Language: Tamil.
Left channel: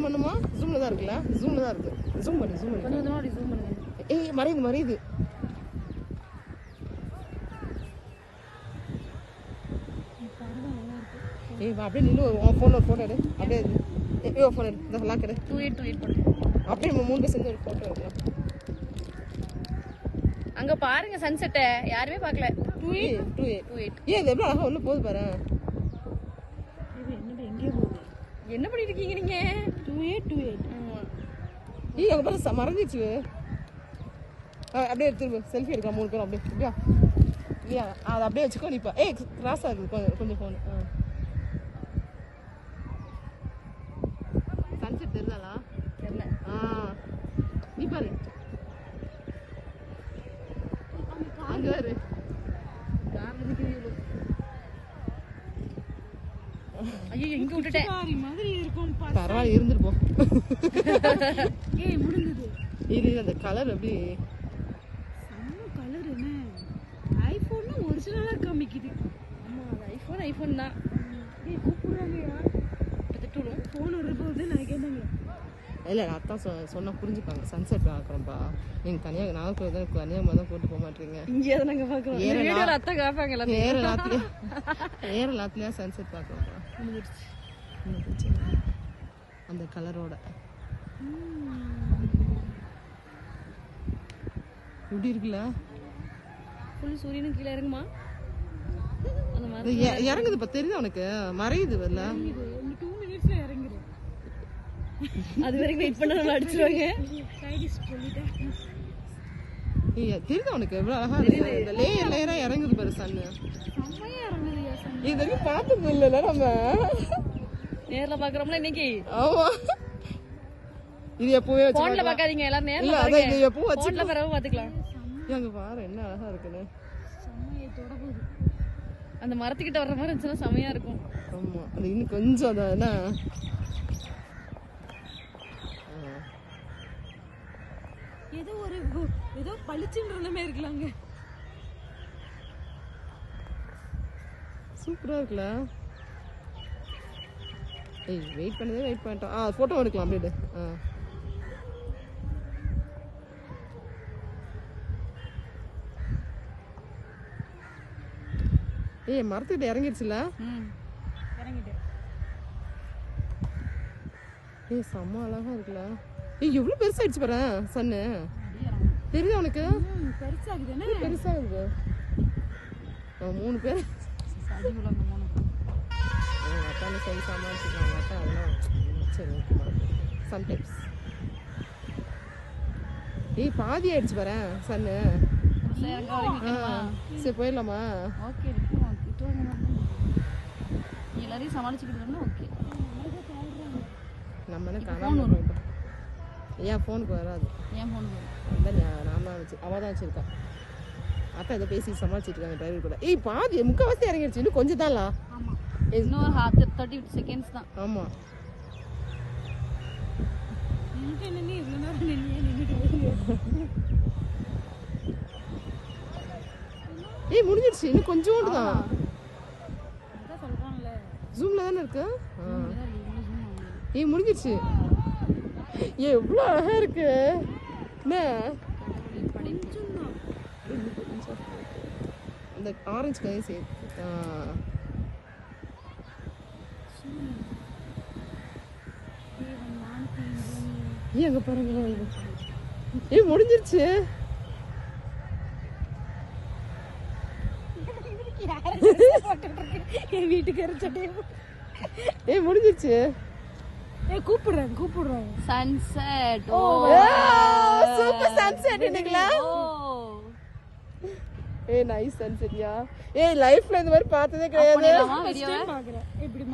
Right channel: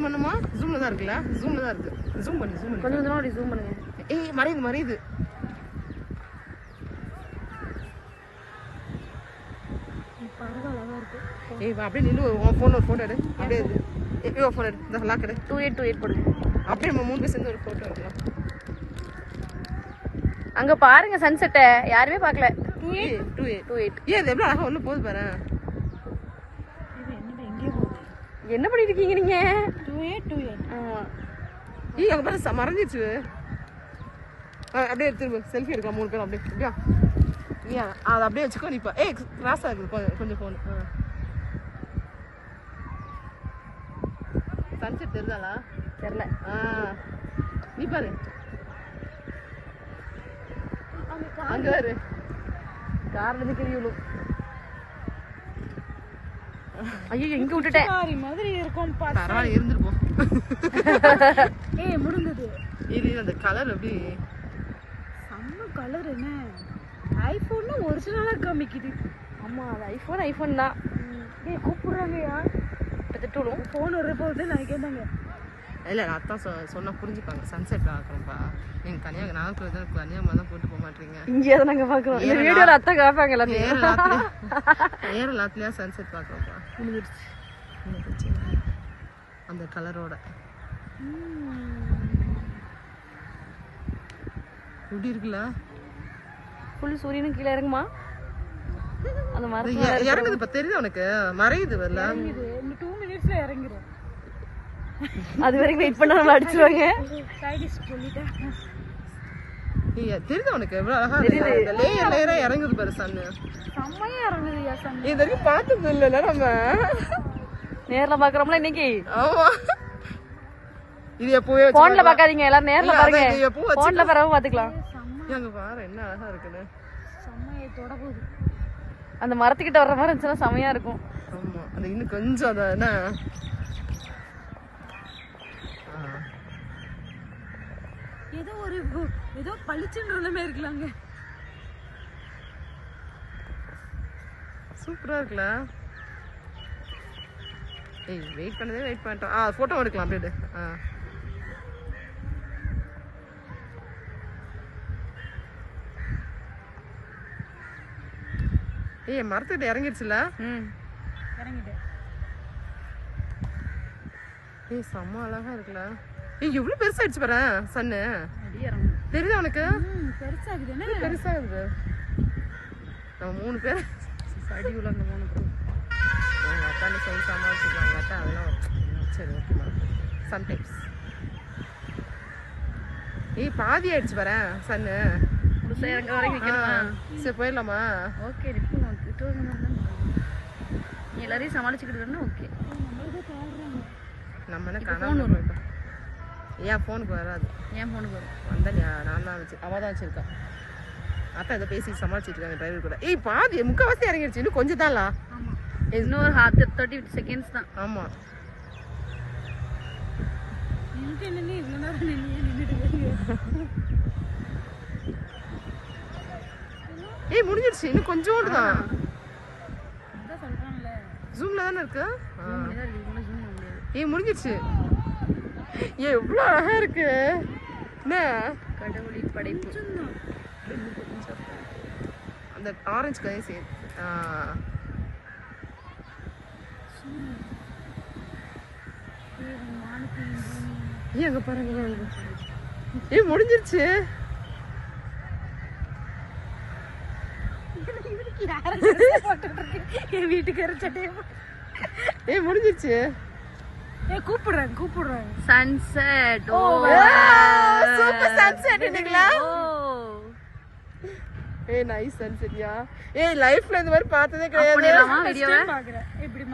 ஜூம் பண்ணுமா? ஜூம்ல தான் இருக்குல்ல? ஜூம்ல தான் இருக்கு. ஜூம் பண்ணு. கொஞ்சம் தூரம் அப்படி ஜூம் பண்ணுங்க. ஏய் மறையுது. பரவாயில்ல இருக்கு. ஏய் அப்படியே நின்னு உன் போன்ல ஒரு போட்டோ எடு. அப்படியே எடு. ஏய் போன் எடு. இந்த லாக் எடு. 2828 போடு. அப்படியே நம்ம மூணு பேர் சேர்ந்து ஒரு போட்டோ எடுக்கலாம். அங்க பாருங்க சன்செட்ட யாருமே பார்க்கல. 2828. ஏய் இது எவ்வளவு அழகா ஒண்ணு போகுது பாரு. இது என்னது எங்கே போகுது? என்ன பண்ணிட்டு இருக்கீங்க நீங்க? 2828. ஆமா. ஏய் அங்க பாரு மறைஞ்சிச்சு. அப்படியே திரும்ப செல்ஃபி எடுக்கலாம் மூணு பேரும் அப்படியே. அப்படியா? யா அது அப்படியே வச்சுக்கோ நீ. ஏய் கிராஸ் ஆகுது கொஞ்சம் போன். சன்செட் தெரியுதாளா? தெரியல. நீ பாரு அங்க பாரு கார்ல நிக்கிறீங்களோ. ஐயோ எங்க விட்டுட்டேன் மாதிரி இருக்கும். பரவாயில்ல இருந்துருப்போம். ஏய் முடிஞ்சது. இது அந்த கலர் அப்படி செம்ம கலர். என்ன ஐபோன் ஒரிஜினலா காமிக்குது. ஆமா அது ஐபோன் தான். ஏய் கூப்பிடுறாங்கயா. பத்தட்டோம் போன் வர போகுது நான் கேட்டாங்க. இல்ல அதான் சொன்னா புரிஞ்சுப்பாங்க. சன்செட் பார்க்கறோம்ப்பா. நீங்க தனியா நானும் தனியாமா தான் கூட்டு போக மாட்டீங்க. இங்கே தான் நாங்க பாக்குறோம். இந்த வீடியோல அத்தை காப்பாங்கல. ஏரலாத்துலயா சன்செட் பார்க்கறோம்ப்பா. முடிஞ்சிருச்சு. அந்த கலரோட எப்படி இருக்குல்ல? ஃபுல் சூரியனும் கீழ இறங்குமா? அந்த மரம் இறங்குது இப்ப தெரியுது உனக்கு? மறையுது வரல. இந்த 2 மினிட்ஸ்ல இறங்கிரும். அது வரைக்கும் வெயிட் பண்ணா நம்ம அடிச்சுவாங்க. சைடிஸ் சொல்லிட்டேன். தெரியுது உனக்கு எவ்வளவு அழகா இருக்கு. அந்த லேயரா இறங்குது பாரு சன்னு. செம்மையா இறங்குதுயா சன்னு. இது வரைக்கும் பார்த்தது இல்லல நம்ம. நேர்ல பாக்குறோம்ல இன்னைக்கு. ஆமா. இது எப்பவே போன்ல பாக்காதீங்க எல்லாரும் நேர்ல பாருங்க. போன்ல பரவ பாத்துக்கலாம். அங்க பாரு என்ன அழகா இருக்குன்னு. செம்மையா தொட போகுது. அந்த மரத்துக்கிட்ட வர்ற மாதிரி இருந்துச்சுன்னா செம்மையா இருக்கும். ஆமா அது இன்னும் கொஞ்சம் அத என்ன ஏதோ பளிச்சுன்ற மாதிரி இருக்கலாங்க. சூப்பரா இருக்குல. ஏய் வெயிட் பண்ணிட்டோம். போட்டோ எடுக்கலாம் அப்படியே. ஏய் மரத்துக்கிட்ட இறங்கிடுச்சுல? இறங்கிட்டேன். ஏய் செம்ம அழகா இருக்குல. ஏய் எவ்வளவு பெருசாயிடுச்சு பாரு சன்னு. தெரியுதா உனக்கு? பெருசாகுது. என்ன பெருசாகுது? நம்ம மூணு பேர் அடி உலங்க மூணு பேர். அத்தானே சொல்லி சமாளிச்சுக்கலாம். அதெல்லாம் சரி ஓகே சம்டைம்ஸ். ஏய் பாதி ஆயிடுச்சு பாரு சன்னு. புதுசா இறங்க வரைக்கும் நிக்கணுமா? சரி போயிடலாமா? ஓகே நீ எல்லாரையும் சமாளிச்சுக்கிட்டு வரணும். ஓகே நம்ம என்ன காணாம ஏன் போனுக்கு வராது? ஏன் போனுக்கு வரும்? வந்தா நான் தான் வச்சு அவ தான் வச்சிருக்கா. அக்கா இதை பேசி சமாளிச்சுட்டு இருக்காங்க டிரைவர் கூட. ஏய் பாதி முக்கால்வாசி இறங்கிடுச்சு. இன்னும் கொஞ்சம் தான்ல. ஆமா இன்னொரு 30 செகண்ட்ஸ் தான். ஆமா ஏய் முடிஞ்சிடுச்சு. இன்னும் கொஞ்சோண்டு தான். ஜூம்ல தானே இருக்கு. ஏய் முடிஞ்சிடுச்சு. ஏய் எவ்வளவு அழகா இருக்கு. என்ன கடவுளின் படைப்பு. அந்த ஆரஞ்சு கலர் சே ஏய் அங்க பாருங்க. ஏய் முடிஞ்சிருச்சு. என் வீட்டுக்கு சட்டை. ஏய் முடிஞ்சிருச்சு. ஏய் கூப்பிடுறேன். சன்செட். ஓ சூப்பர் சன்செட் இன்னைக்குல. ஏய் நைஸ் சன்செட்யா. ஏய் லைஃப்ல இந்த மாதிரி பார்த்ததே கிடையாது. வீடியோவை இப்படி